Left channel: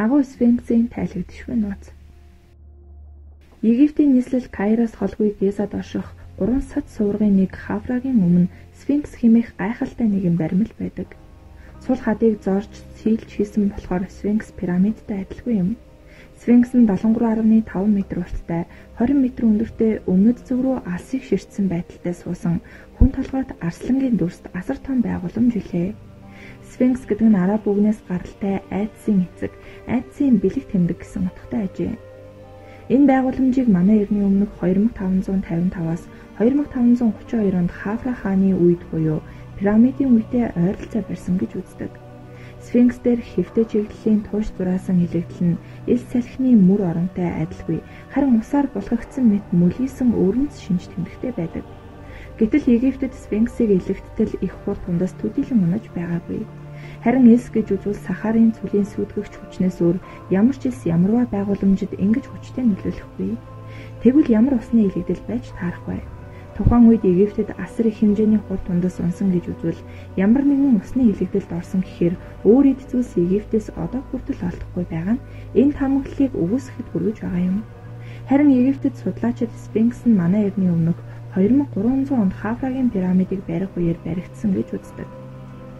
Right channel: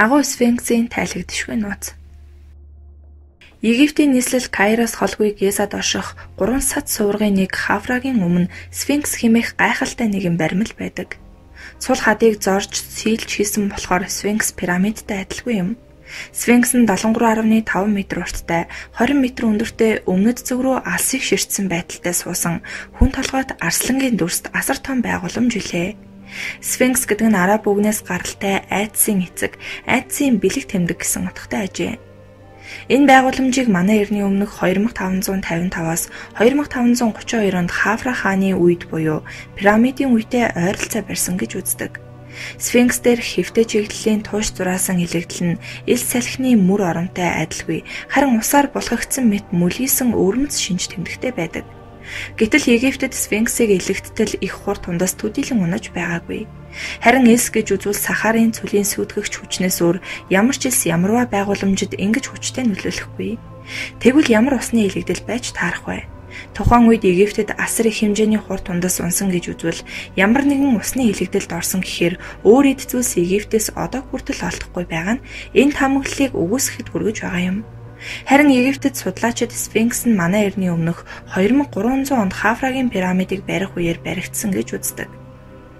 Агуу Сфинксийн тайлагдшгүй нууц. Египтийн нийслэл Кайроос холгүй Гизад орших 3 сад суургын нэг Хафрагийн өмнө Сфинкс хэмээх гайхалтай нэгэн баримл байдаг. Цул хадыг зорж сийлж хийсэн болохоор Сфинкс пирамидтай адилгүй юм. Сфинкс нь 73.5 м урттай, 20 м өндөртэй өмнөд зүг рүү алсыг ширтсэн байдалтай суусан хүн толгойд арслангийн дүрст асар том байгууламж билээ. Сфинкс гэдэг нь араб үгнээс гаралтай айдсын эцэг, айдсын бэлэг тэмдэг гэсэн утгатай ажээ. Энэ байгууламжийг манай эртний өмнөх 2555-аас 2532 онд Хафра хааны үед буюу пирамидын үедээ ойролцоо барьсан гэж үздэг. Сфинкс дээр хэвтэй чиглэлийн туш зураасан илэгдэл нь ил салхины мөр оромтой адилгүй, харин усаар булгагдсан мэт мүлгийсэн өвөрмөц шинж тэмдэгтэй байдаг. Гэтэл Египтэд Сфинксийг илэгдтэл их хур тундас төдийлөн унаж байгаагүй. Харин эс гэж үзвэл Сахарын цөлийн сүйтгэгч хүчнээс өөр ямар ч элс ямарваа байгууламжид ингэж хүчтэй нөлөөлөхгүй. Тэгвэл ямар усны илэгдэл байж таарах вэ? Тухайн үед Египтэд асар их хэмжээний хур тундас унсан гэж үзвэл ямар нэгэн усны илэгдэлд орсон гэхээр өөр эд зүйлс Египтээс одоо хүртэл олдохгүй байгаа нь энэ таамаглалыг үгүйсгэхэд хүргэж байгаа юм. Харин Египтэд судлаачид Сфинкс нь манай эртний өмнөх 2300 онд Хафрагийн пирамидыг барих үеэр баригдсан гэж үздэг.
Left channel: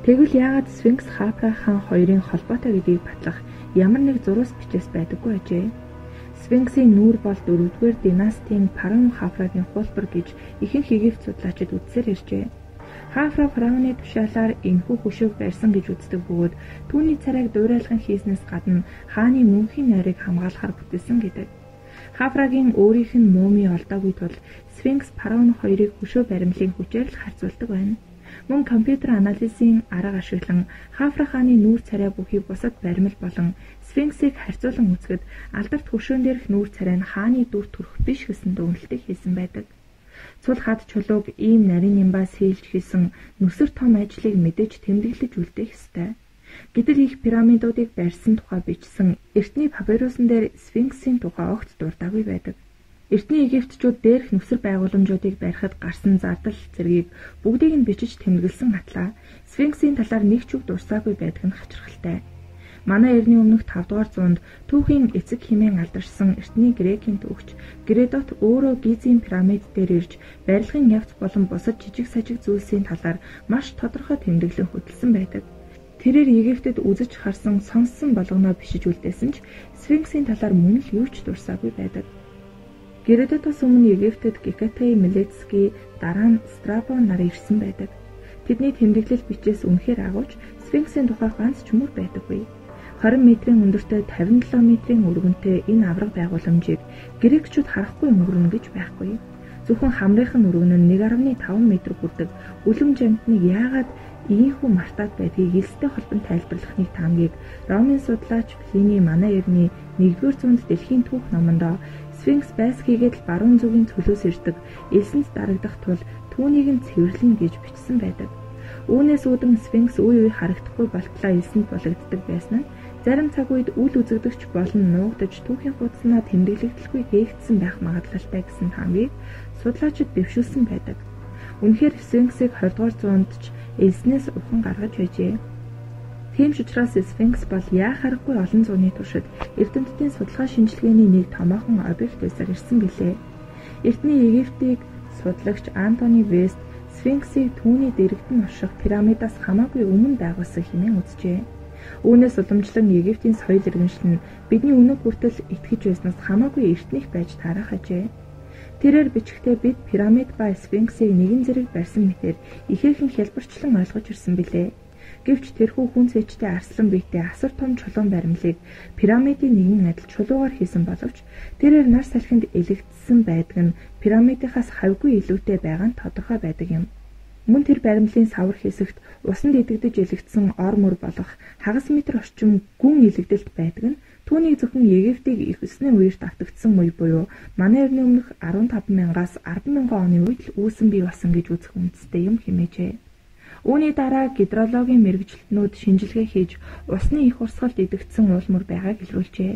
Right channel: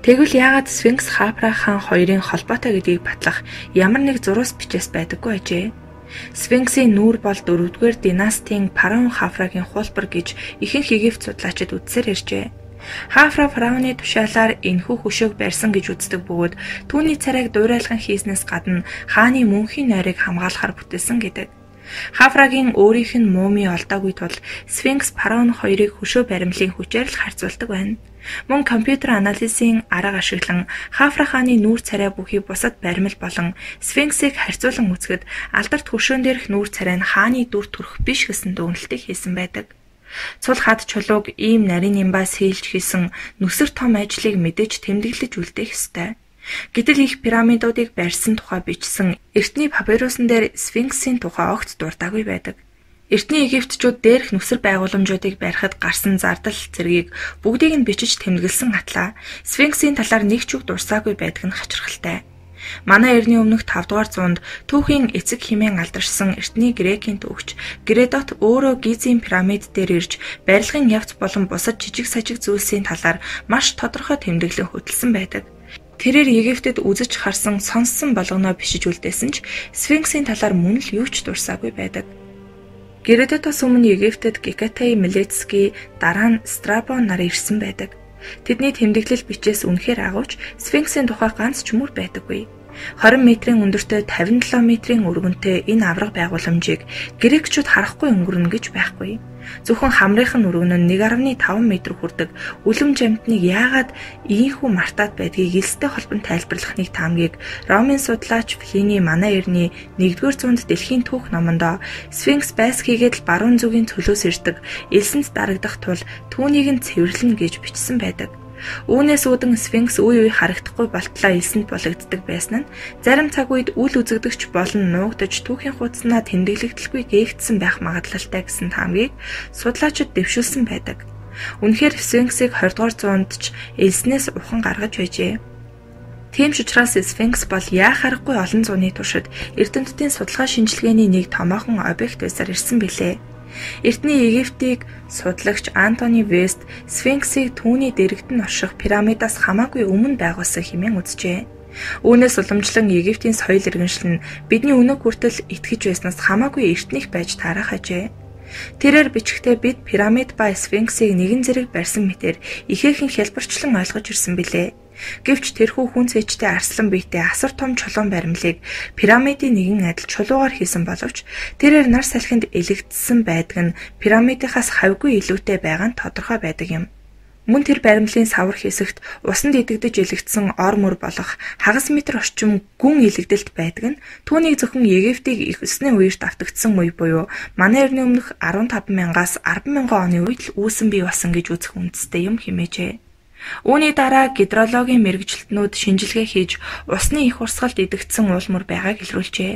Тэгвэл яагаад Сфинкс Хафра хаан хоёрын холбоотой гэдгийг батлах ямар нэг зурус бичээс байдаггүй ажээ? Сфинксийн нүүр бол 4-р династийн фараон Хафрагийн хуулбар гэж ихэнх Египт судлаачид үзсээр иржээ. Хафра фараоны тушаалаар энэхүү хөшөөг барьсан гэж үздэг бөгөөд түүний царайг дуурайлган хийснээс гадна хааны мөнхийн нойрыг хамгаалахаар бүтээсэн гэдэг. Хафрагийн өөрийнх нь муми олдоогүй тул Сфинкс фараон хоёрыг хөшөө баримлын хүчээр л харьцуулдаг байна. Мөн компьютер анализын арга ашиглан Хафра хааны нүүр царай бүхий бусад баримл болон Сфинксийг харьцуулан үзэхэд алдарт хөшөөн дээрх нүүр царай нь хааны дүр төрх биш гэсэн дүгнэлтийг хийсэн байдаг. Цул хад чулууг ийм нарийн нимбаас хийлж хийсэн нүсэр том ажлыг мэдээж тэмдэглэж үлдээх ёстой. Гэтэл их пирамидуудыг барьсан тухай бичсэн эртний папирусын дээр Сфинксийн тухай огт дуртаагүй байдаг. Эртний Египтчүүд дээрх нүсэр байгууламжуудыг барихад гарсан зардал зэргийг бүгдийг нь бичиж тэмдэглэсэн атлаа Сфинксийн талаар нэг ч үг дурсаагүй байдаг нь хачирхалтай. Манай эртний өмнөх 5 дугаар зуунд түүхийн эцэг хэмээн алдаршсан эртний Грекийн түүхч Геродот өөрөө Гизийн пирамид дээр ирж барилгын явц болон бусад жижиг сажиг зүйлсийн талаар маш тодорхой тэмдэглэн хөтэлсэн байдаг. Тэрээр Египтэд үзэж харсан сонссон болгоноо бишиж үлдээсэн ч Сфинксийн талаар мөн л юу ч дурсаагүй байдаг. Геродотоос өмнө Египтэд Гекатай Милецкий дараа нь Страбо нар ирсэн байдаг. Тэдний тэмдэглэл бичээс үнэхээр агуулж Сфинксийн тухай ганц ч мөр байдаггүй. 20 м-ийн өндөртэй 57 м-ийн өргөнтэй энэ авраг байгууламжийг грекчүүд харахгүй өнгөрнө гэж байхгүй. Зөвхөн хамрынхан өргөн нь 1.5 м хүрдэг үлэм жамтныг яагаад ийхүү мартаад байдгийг элстэй холбон тайлбарлахныг таамгийг Ромын судлаач Плиний манай эртний 1-р зуунд дэлхийн түүх номондоо Сфинкс байс хийгээд л баруун зүгийн цөлөөс ирдэг элсэнд дарагдах тул түүнийг нь цэвэрлэнэ гэж бичсэн байдаг. Үүнээс үүдэн Сфинкс үе үе харагдахгүй болтлоо элсэнд болгогддог байсан нь зарим цаг үед үл үзэгдэгч болон нуугдаж түүхийн хуудаснаа тэмдэглэгдэлгүй гээгдсэн байх магадлалтай гэсэн таамгийг судлаачид дэвшүүлсэн байдаг. Үнэхээр Сфинксийг 20 дугаар зуунд ч элснээс ухан гаргаж байжээ. Тийм ч учраас Сфинкс бол яа харахгүй олон зууны туршид эрдэмтдийн судалгаа шинжилгээний нэг томоохон объект байсаар ирсэн билээ. Эртний Египтийг судлагч Антони Вест Сфинксийг түүний дэрэгдэн орших пирамидаас хамаагүй өмнө байгуулсан хэмээн үзжээ. Үүнээс уламжлан Египтийн соёл иргэншил нь бидний өнөө хүртэл итгэж байснаас хамаагүй эртнийх байж таарах ажээ. Тэрээр бичгтээ бид пирамид ба Сфинксийг нэгэн зэрэг барьсан мэтэр ихээхэн хялбарчлан ойлгож ирсэн билээ. Гэвч тэрхүү хүн цэжтэй арслан биетэй асар том чулуун баримлыг пирамидын нэгэн адил чулуугаар хийсэн боловч тэрээр нар салхинд элэгдсэн байдаг нь пирамидынхаас хавьгүй илүүтэй байгаа нь тодорхой байдаг юм. Мөн тэр баримлын савар хэсэгт усанд идэгдэж элэгдсэн ор мөр болох хагас метр орчим гүн элэгдэлт байдаг нь түүнийг зөвхөн Египтийг их өсний үеэрт автагдсан үе буюу манай эртний өмнөх 15,000-аас 10,000 оны үед л үүсэн бий болсон гэж үзэх үндэстэй юм хэмээжээ. Үүний дараа гидрологийн мэргэжилтнүүд шинжилгээ хийж усны их урсгалд идэгдсэн уулмөр байгааг илрүүлжээ.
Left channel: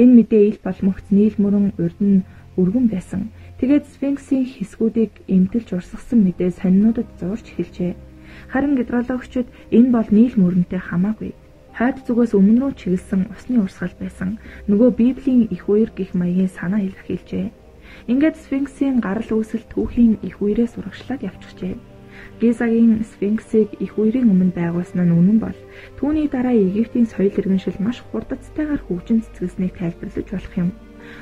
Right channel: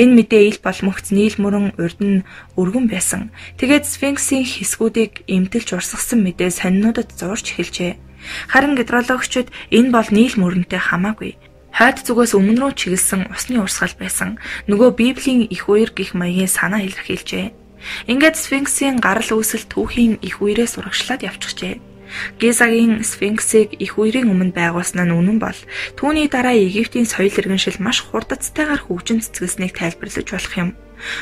Энэ мэдээ ил боломгц нийл мөрөн урд нь өргөн байсан. Тэгээд Сфинксийн хэсгүүдийг эмтэлж урсгасан мэдээ сонинуудад зурж эхэлжээ. Харин гидрологчид энэ бол нийл мөрөнтэй хамаагүй. Хойд зүгээс өмнө рүү чиглэсэн усны урсгал байсан. Нөгөө Библийн их үер гэх маягийн санаа илэрхийлжээ. Ингээд Сфинксийн гарал үүсэл түүхийн их үерээс урагшлаад явчихжээ. Гизагийн Сфинксийг их үерийн өмнө байгуулсан нь үнэн бол түүний дараа Египтийн соёл иргэншил маш хурдцтайгаар хөгжин цэцгэлсэнийг тайлбарлаж болох юм.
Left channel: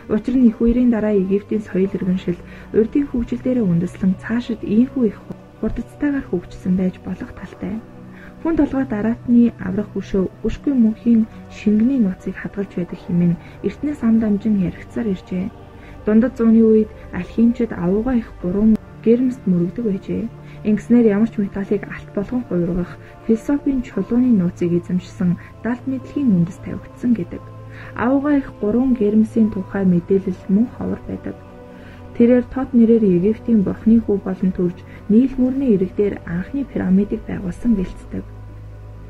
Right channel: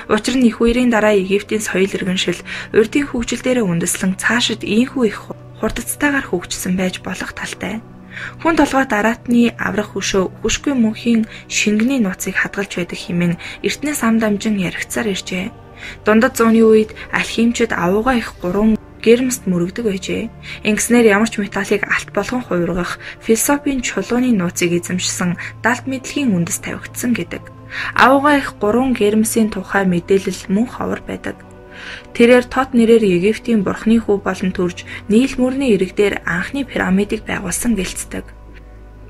Учир нь их үерийн дараа Египтийн соёл иргэншил урдын хөгжил дээрээ үндэслэн цаашид ийхүү их хурдцтайгаар хөгжсөн байж болох талтай. Хүн толгой дараатны аврах хөшөө хүшгүй мөнхийн шингэний нууцыг хадгалж байдаг хэмээн эртнээс ам дамжин яригцаар иржээ. Дундад зууны үед алхимчид авууга их 3 гэрмэст мөрөгдөг байжээ. Ингэснээр ямар ч металлыг алт болгон хувиргах философийн чулууны нууцыг эзэмшсэн далд мэдлэгийн үндэс тавигдсан гэдэг. Авууга их 3 гэрмсийн тухай мэдээлэл мөн ховор байдаг. Тэрээр тот нэрээр Египтийн бурхны хүү болон төрж Нийл мөрний иргдээр анхны пирамидыг байгуулсан гэлцдэг.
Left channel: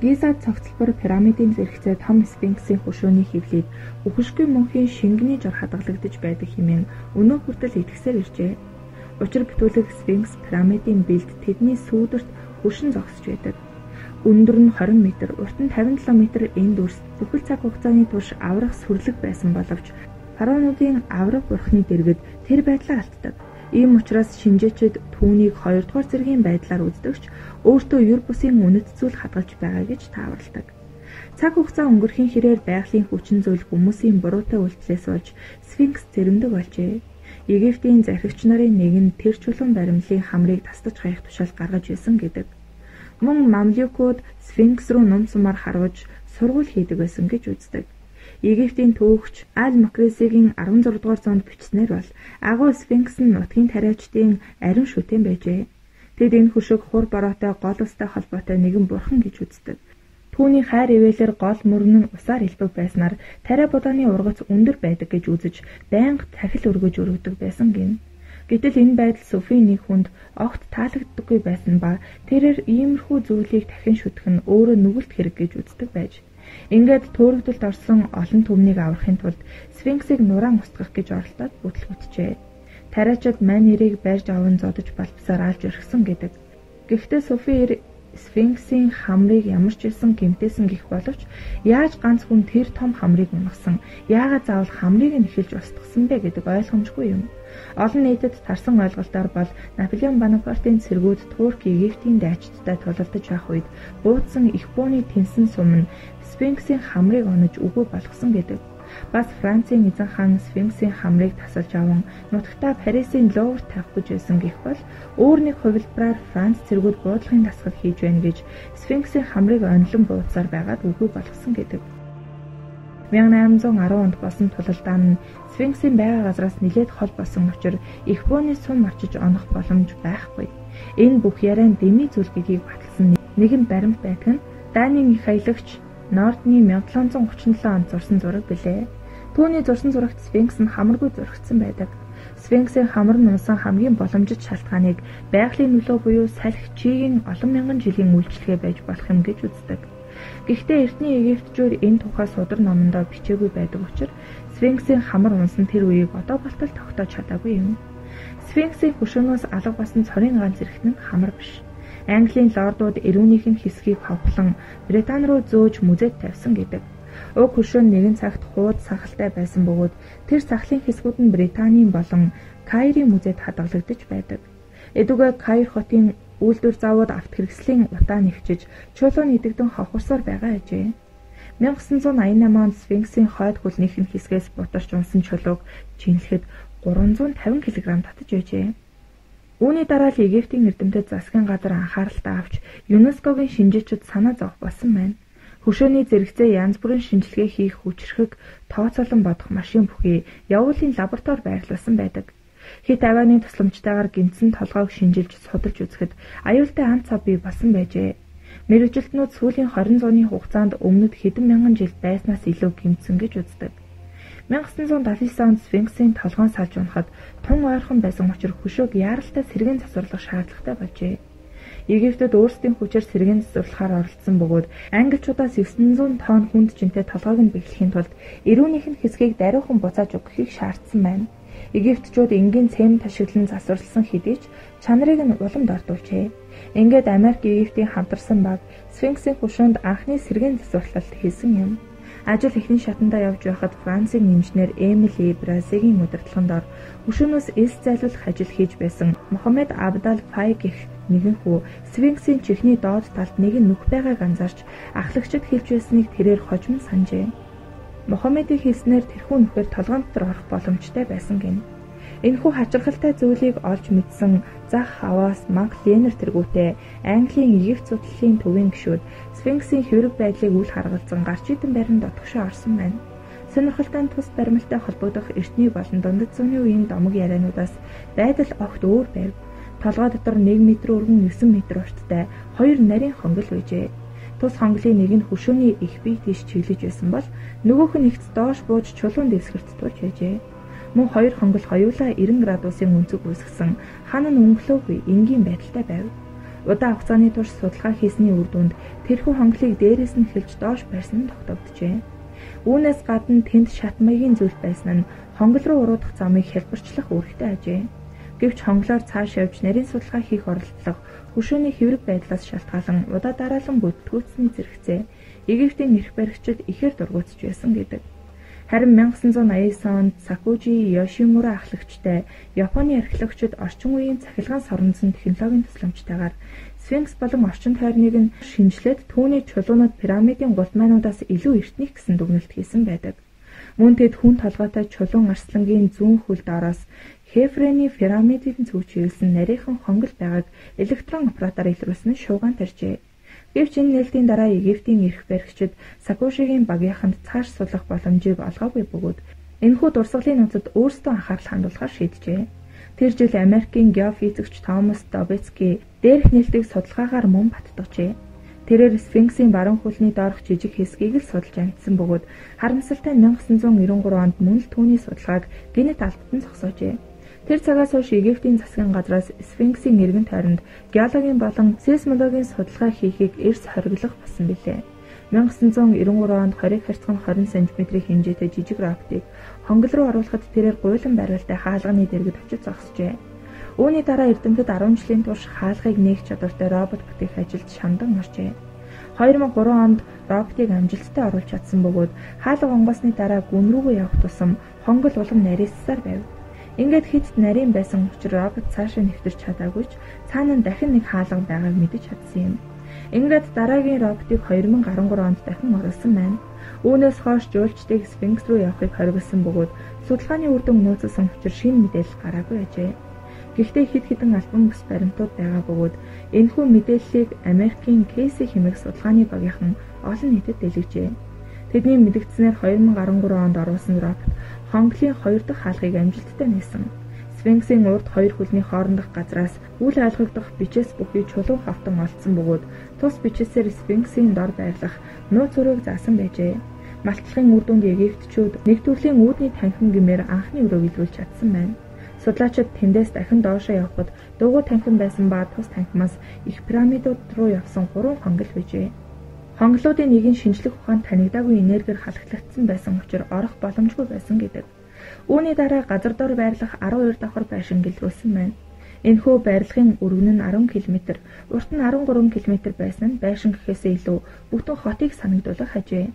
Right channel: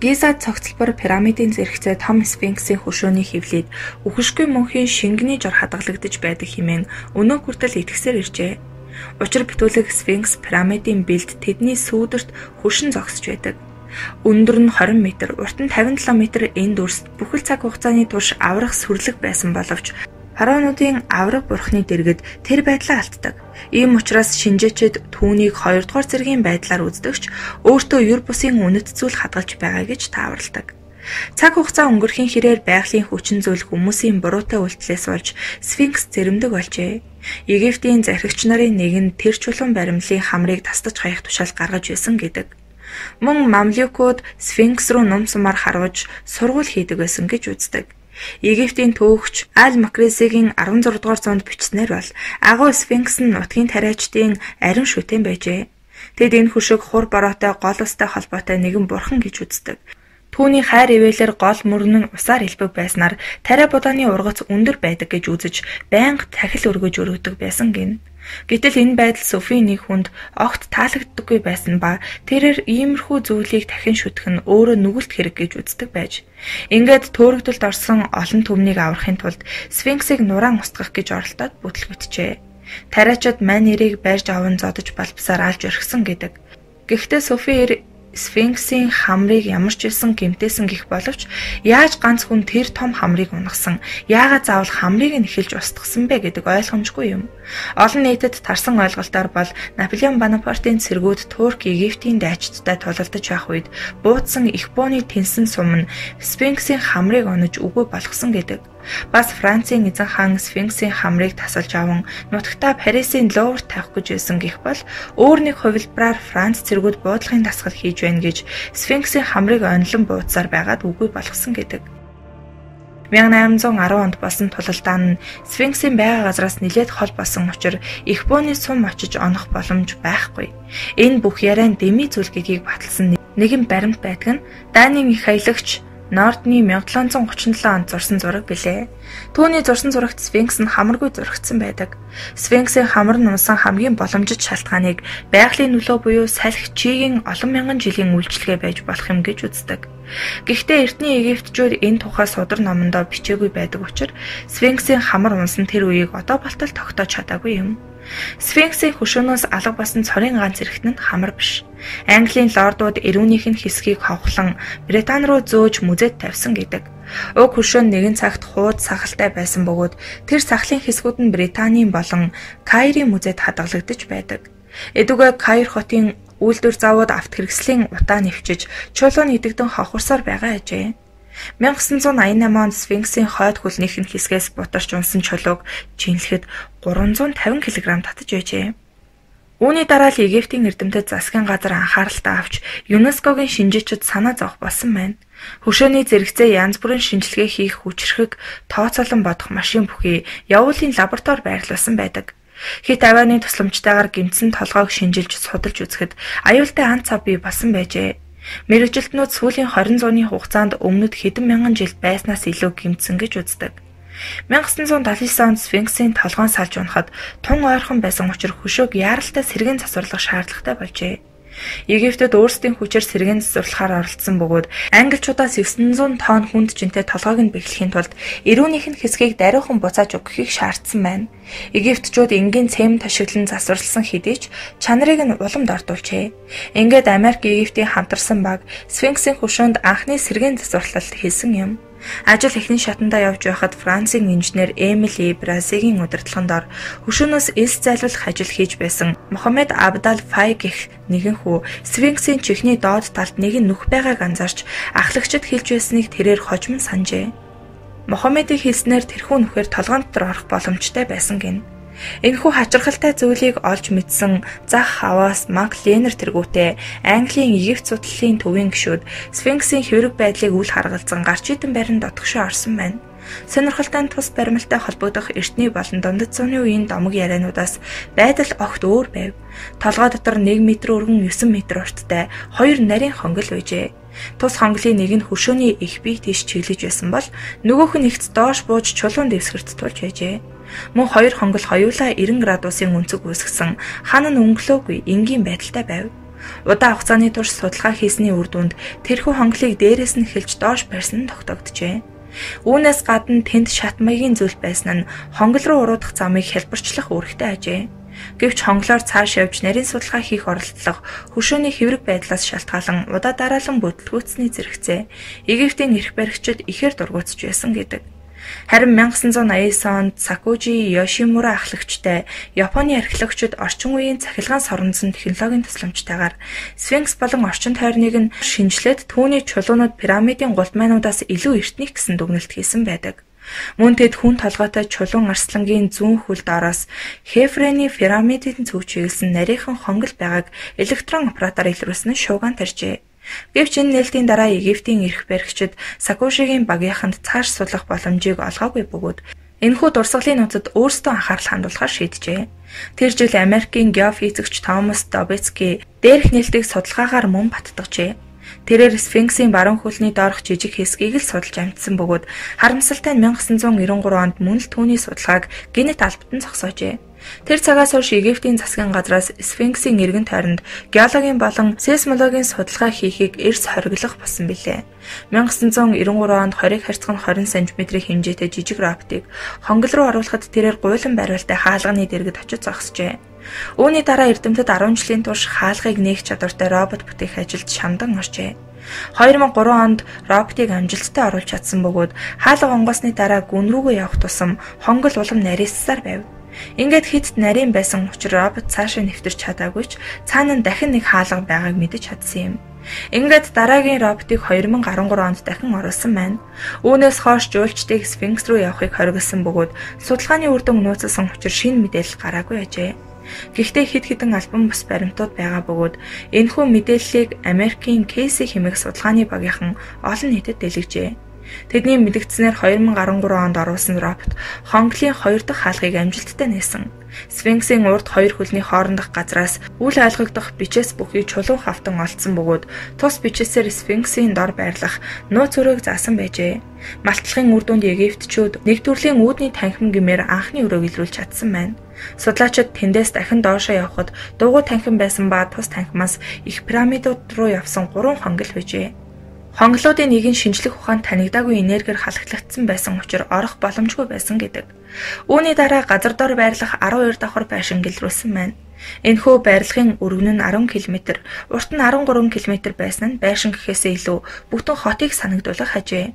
Гиза цогцлбор пирамидын зэрэгцээ том Сфинксийн хөшөөний хөвлөд үхшгүй мөнхийн шингэний жор хадгалагдаж байдаг хэмээн өнөө хүртэл итгэсээр иржээ. Учир битүүлэг Сфинкс пирамидын бэлд тэдний сүүдэрт хөшин зогсож байдаг. Өндөр нь 20 м, урт нь 57 м энд өрст бүхэл цаг хугацааны турш аврах сүрлэг байсан боловч фараонуудын авраг бурхны дэргэд тэр байдлаа алддаг. Ийм учраас шинжээчид түүнийг 2 дугаар зэргийн байдлаар үздэгч өөртөө юр бусын үнэт зүйл хадгалж байгаа гэж тааварладаг. Цаг хугацаа өнгөрхийн хэрээр байгалийн хүчин зүйл хүмүүсийн буруутай үйлдэлээс болж Сфинкс зэрэмдэг болжээ. Египтийн захирагч нарын нэг нь тэр чулуун баримлын хамрыг тасдаж хаях тушаал гаргаж байсан гэдэг. Мөн мамлюкууд Сфинкс руу ном сумаар харуулж сургууль хийдэг байсан гэж үздэг. Египтийн төөгч Аль-Макрисигийн 16 дугаар зуунд бичснээр бол агуу Сфинкс нь нутгийн тариачдын ариун шүтэн байжээ. Тэд энэ хөшиг хур бороотой гол устай холбоотой нэгэн бурхан гэж үздэг. Түүний хайр ивэлэр гол мөрөн нь усаар илбэг байснаар тариа будааны ургац өндөр байдаг гэж үзэж байнга тахил өргөж өргөдөг байсан гин. Гэтэл энэ байдал Софийн нэг хүнд огт таалагддаггүй байсан ба тэрээр иймэрхүү зүйлийг дахин шүтэх нь өөрөө нүгэлт хэрэг гэж үздэг байж. Ингээд төөрөгдөлд орсон олон түмнийг аврахын тулд Сфинксийг нураан устгах гэж оролдоод бүтлгүтжээ. Тариачид мань нэрийг барьж аван зодож балбсаар алж орхисон гэдэг. Гэхдээ Софи Сфинксийн хамрыг ямар ч байсан гэмтээсэн гих боловч яаж ганц хүн тэр том хамрыг унагсан, яагаад заавал хамрыг нь эхэлж устгасан бэ гэдэг ойлгомжгүй юм. Олон нийтэд тарсан ойлголтоор бол Наполеон Бонапартын цэргүүд Турк Египтийн дайчдтай тулалдаж байх үед буудсан их бооны тэнсэн сум нь Сфинксийн хамрыг онож үгүй болгосон гэдэг. Бас Францын эзэн хаан Сфинксийн хамрыг тасалж аван нутагтаа Парисын Луврт тавих гэж байсан гэх бол өөр нэг хувилбараар Франц цэргүүд буудлагын дасгал хийж байна гэж Сфинксийн хамрыг онлон буудсаар байгаад үгүй болгосон гэдэг. 1810 онд болсон тулалдаа нь Сфинксийн байга газраас нэлээд хол болсон учраас их бооны сум очиж онох боломж байхгүй. Энэ бүх яриан Деми зүлгэгийг баталсан нэгэн баримт байдаг нь Данийн их аялагч Нордны 1737 онд зурсан зураг билээ. Түүний зурсан зурагт Сфинкс нь хамаргүй зурагдсан байдаг. Сфинксийн хамар нь унсан хамгийн боломжит шалтгааныг байгалийн нөлөө буюу салхи чигийн олон мянган жилийн үйлчлэгээ байж болох юм гэж үздэг. Гэхдээ эртний египтчүүд энэ тухай судар номондоо бичээгүй байдаг учраас Сфинксийн хамар унсан тэр үеийг одоо болтол тогтоож чадаагүй юм. Сфинксийн хөшөөнөөс алга басан цорын ганц эрхт нь хамар биш. Английн лордууд эрүүнийх нь хэсгийг хавхлан Британи руу зөөж мүзэд тавьсан гэдэг. Уг хөшөөн нэгэн цагт хууд сахалтай байсан бөгөөд тэр сахлын хэсгүүд нь Британийн болон Кайрын мүзэд хадгалагдаж байдаг. Эдүгээ Кайр хотын үйлдвэр завууд авт хэрэгслийн утаа нэвчиж чулуун идэгдэн хохорсоор байгаа ажээ. 1988 онд Сфинксийн хойд хөлнийх нь хэсгээс бутарч унсан чулууг жинлэхэд 350 кг татаж байжээ. Үүний дараа л Египтийн эрдэмтэд засгийн газар анхааралтай авч ЮНЕСКОгийн шинжээчид санаа зовх болсон байна. Хөшөөний зэрэгцээ янз бүрийн шинжилгээ хийх хүчрхэг тооцоолон бодох машин бүхий явуулын лаборатори байрлуулсан байдаг. Хит авианы тусламжтайгаар гэмтсэн толгойг шинжилж судалж үзэхэд аюултай ан цав бий болсон байжээ. Мэргэжилтнүүд сүүлийн 20 зууны хугацаанд өмнөд хэдэн мянган жил байснаас илүү гэмтсэн гэж үздэг. 1979 онд Сфинксийн толгойн салж унахад тун ойрхон байсан учраас хөшөөг яаралтай сэргэн засварлах шаардлагатай болжээ. Египтэд өөрсдийн хүчээр сэргээн засварлахаар оролцсон бөгөөд англичуудаас 900 тонн хүнд жинтэй толгойг нь бэхлэхийн тулд эрүүнийх нь хэсгийг даруйхан буцааж өгөхийг шаардсан байна. Египтчууд энгийн цэм ташиглан засварласан хэдий ч чанарыг нь уламд ордуулжээ. Ингээд Америк Египтийн хамтарсан баг Сфинксийн хөшөөнд анхны сэргээн засварлалт хийсэн юм. Ажил эхний шатандаа явж байхад Францын инженер Эмили Бразигийн удирдлагын дор хөшөөнөөс элс зайлуулах ажил хийж байсан Мохаммед Абдал Фай гэх нэгэн хүү Сфинксийн чихний доод талд нэгэн нүх байгааг анзаарч ахлагчид хэлж байсныг тэрээр хожим санджээ. Мохаммедийн хэлснээр тэрхүү нүхээр толгоон дотор орох боломжтой байсан гин. Энэхүү хачирхалтай зүйлийг олж мэдсэн Зах Хаваас Мак Ленер тэргүүтээ Английн Египт судлалын төвийн гишүүд Сфинксийн хэврэг байдлыг үл харгалзан гарч идэн барин дотгошоо орсон байна. Сонирхолтой тус баримталтай холбогдох эртний болон дундад зууны үеийн домог яриануудаас байдал огт өөр байв. Толгой дотор 1 м өргөн 9 м урттай 2 нарийн хонгил байжээ. Тус хонглын нэг нь хөшөөний их бие тийш чиглэж байсан бол нөгөөх нь ихц доош бууж чулуун дэвсгэрт тулж байжээ. Мөн хоёр хонгол хоёулаа 90 градусын өнцөг үүсгэсэн хан нь өнгөлөөгүй энгийн байдалтай байв. Удаан хугацааны турш судалгаа хийсний үр дүнд тэрхүү хонглыг дээрээс нь хэлж доош барьсан нь тогтогджээ. Үүнээс гадна тэнд шат маягийн зүйл байсан нь хонгол руу уруудах замыг хэлбэрчлэх үүрэгтэй ажээ. Гэвч хонглоор цааш явж нарийн судалгаа хийх оролдлого хөшөөний хэврэг байдлаас шалтгаалan удаа дараалан бүтлгүүцсний зэрэгцээ Египтийн эрх баригчид ихээр дургуутж байсан гэдэг. Харин 1989 онд Сакужи Йошимура ахлагчтай Японы археологчид орчин үеийн цахилгаан соронзон технологийн тусламжтайгаар Сфинкс болон орчин тойрныг нь шинжлээд түүний чулуунууд пирамидын гултмайнуудаас илүү эртних гэсэн дүгнэлт хийсэн байдаг. Мөн тэд хүн толгойтой чулуун арслангийн зүүн хөл доороос Хефрений пирамидын зүг чиглэсэн нарийнхан хонгол байгааг электрон аппаратаар илрүүлсэн нь шуугиан тарьжээ. Гэвч энэ нээлтийн дараа Египтийн эрх баригчид Сакужигийн багийнханд цааш судлах боломжийг олгоогүй бөгөөд энэхүү дурсгалын нууцад өөрсдөө анхаарал хандуулахар шийджээ. Тэр жил Америкийн геофизикч Томас Добицки дээрх нээлтийг судалгаагаар мөн баттгажээ. Тэрээр Сфинксийн баруун хөлний доорх жижиг хэсгийг л судалж амжсан бөгөөд харамсалтай нь 1993 онд мөн л түүний судалгааг генет албатан зогсоожээ. Тэр цагаас хойш Египтийн засгийн газраас Сфинксийн эргэн тойронд геологийн болон сейсмологийн судалгаа хийхийг эрс хориглох болсон билээ. 1993 онд хориг харьцах нь 20 см-ийн хэмжээтэй жижиг роботыг хонгол руу оруулахад тэрээр гуйлан бариултай хаалганы дэргэд очиж зогсжээ. Үүний дараа эрдэмтэд 10 жилийн турш хаалгыг нээх чадвартай робот бүтээх ажилд шамдан оржээ. 2003 онд роботыг амжилттай оруулж чадсан бөгөөд хаалга онгоосны дараа гүн рүүгээ явах тусам хонгол улам нарийссаар байв. Ингээд хит нарийн байсан учраас робот цаашаа нэвтэрч чадаагүй ч цаана нь дахин нэг хаалга байгааг мэдэж чадсан юм. Ингээд дараагийн роботыг 2013 онд дахин оруулсан байна. Үүнээс хойш жуулчдыг Сфинкс руу явахыг хориглосон бөгөөд судалгааны үр дүн нууцсан учраас шинэ мэдээлэл гараагүй ажээ. Гэхдээ хэд хэдэн альбом бус баримтууд байгаа бөгөөд энэхүү мэдээллийг Америкийн Кейси хэмээх судалгааны багийнхан олон нийтэд дэлгэжээ. Тэдний мэдгдснээр 2013 онд оруулсан робот хонголын 2 дахь хаалгыг амжилттай нээсэн. Сфинксийн урд хоёр хөлний хоорондох газраас үл ойлгогдох бичээс бүхий чулуун хавтан олдсон бөгөөд тус бичээсээр Сфинксийн дор байрлах нууц өрөөг заасан байжээ. Малтлагын үр дүнд Египтчүүд нэг төрлийн үүдний танхим гэмээр анхны өрөөг илрүүлж чадсан байна. Судлаачид тэндээс дахин доошоо явхад дугуй танхим байсан ба тус танхимаас их пирамидууд руу явсан 3 хонгил байжээ. Хонголуудын нэг нь шинжлэх ухаанд танигдаагүй энергиэр халахлагдсан байсан учраас орох боломжгүй байсан гэдэг. Үүний дараа газар дор байрлах 12 давхар байшин гэлрүүлсэн байна. Энэхүү байрлахын өргөн нь 10 км, урт нь 13 км байсан нь байшин гэхээсээ илүү бүтэн хотыг санагдуулах хажээ.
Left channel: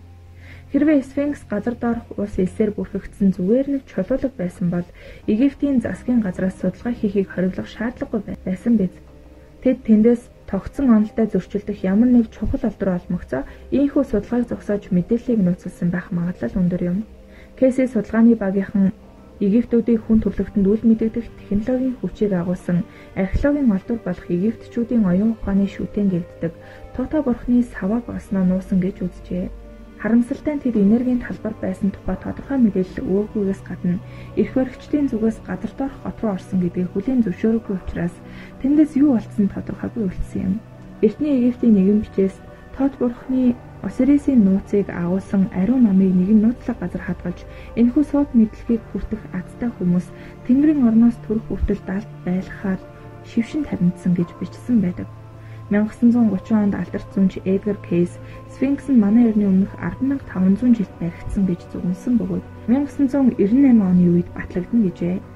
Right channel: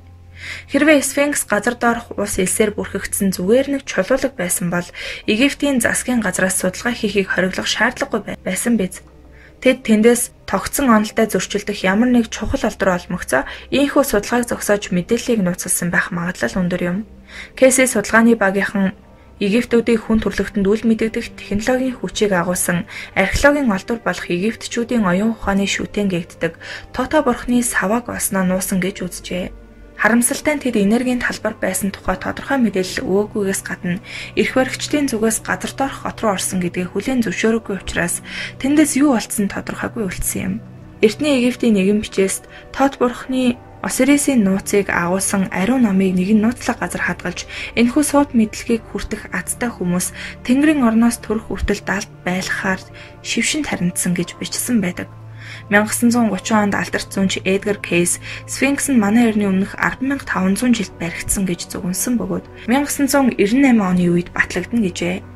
Хэрвээ Сфинкс газар доорх ус элсээр бүрхэгдсэн зүгээр нэг чулуулаг байсан бол Египтийн засгийн газраас судалгаа хийхийг хориглох шаардлагагүй байсан биз. Тэд тэндээс тогтсон онолтой зөрчилдөх ямар нэг чухал алдар олмогцоо ийхүү судалгааг зогсоож мэдээллийг нууцлсан байх магадлал өндөр юм. Кейси судалгааны багийнхан Египтүүдийн хүн төрөлхтөнд үл мэдэгдэх технологийн хүчийг агуулсан археологийн олдвор болох Египтчүүдийн оюун ухааны шүтэн гэгддэг Тота бурхны саваг осноо нуусан гэж үзжээ. Харамсалтай нь тэд энергийн талбар байсан тухай тодорхой мэдээлэл өгөөгүйгээс гадна эрх баригчдын зүгээс газар доорх хот руу орсон гэдгийг хүлээн зөвшөөрөөгүй учраас тэндээс юу болцсон тодорхойгүй үлдсэн юм. Эртний Египтийн нэгэн бичээс Тот бурхны Осирисийн нууцыг агуулсан ариун номыг нэгэн нууцлаг газар хадгалж энэхүү сууд мэдлэгийг хүртэх азтай хүмүүс Тэнгэрийн орноос төрөх хүртэл далд байлахаар шившин тарнидсан гэж бичсэн байдаг. 1930 онд алдарч зүүнч Эдгар Кейс Сфинкс нь манай эртний өмнөх 10,500 жилд баригдсан гэж зөгнсөн бөгөөд 1998 оны үед батлагдана гэжээ.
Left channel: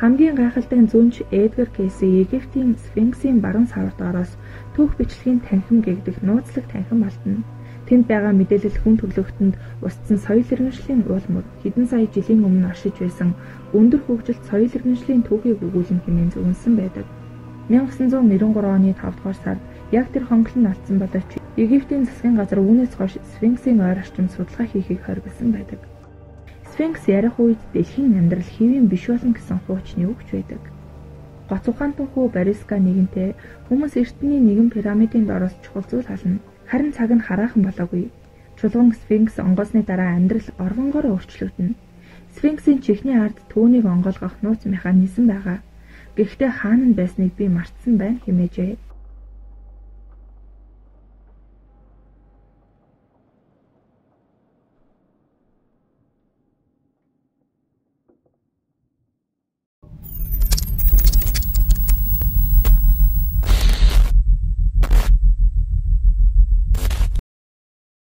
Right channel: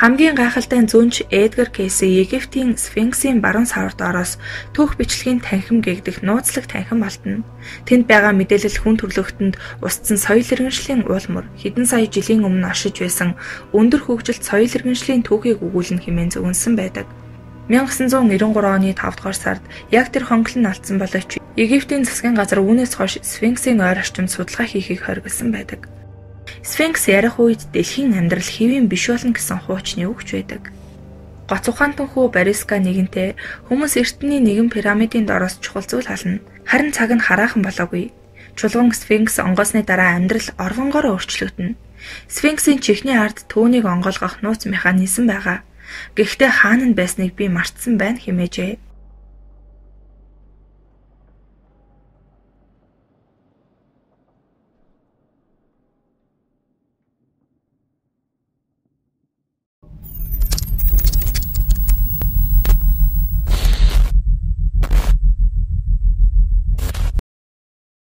Хамгийн гайхалтай нь зүүнч Эдгар Кейси Египтийн Сфинксийн баруун савар доороос түүх бичлэгийн танхим гэгдэх нууцлаг танхим алтна. Тэнд байгаа мэдээлэл хүн төрлөختөнд устсан соёл иргэншлийн уулмөр хэдэн сая жилийн өмнө оршиж байсан өндөр хөгжилт соёл иргэншлийн түүхийг өгүүлнэ хэмээн зөгнсөн байдаг. 1993 оны 5 дугаар сард яг тэр хонглон алдсан боловч Египтийн засгийн газар үүнээс хойш Сфинксийн ойр орчимд судалгаа хийхийг хориглосон байдаг. Сфинкс ярих үед дэлхийн амьдрал хэвийн биш болно гэсэн хуучны үгч байдаг. Гоц ухаантан хүү Бариска нэгэнтээ хүмүүс эртний нэгэн пирамидын доороос чухал зүйл хална. Харин цаг нь хараахан болоогүй. Чулуун Сфинкс онгоосны дараа амьдрал оргонгоор өөрчлөгдөнө. Сфинксийн чихний ард түүнийг онгоолгох нууц механизм байгаа. Гэхдээ хаана нь байсныг би мартсан байна хэмээжээ.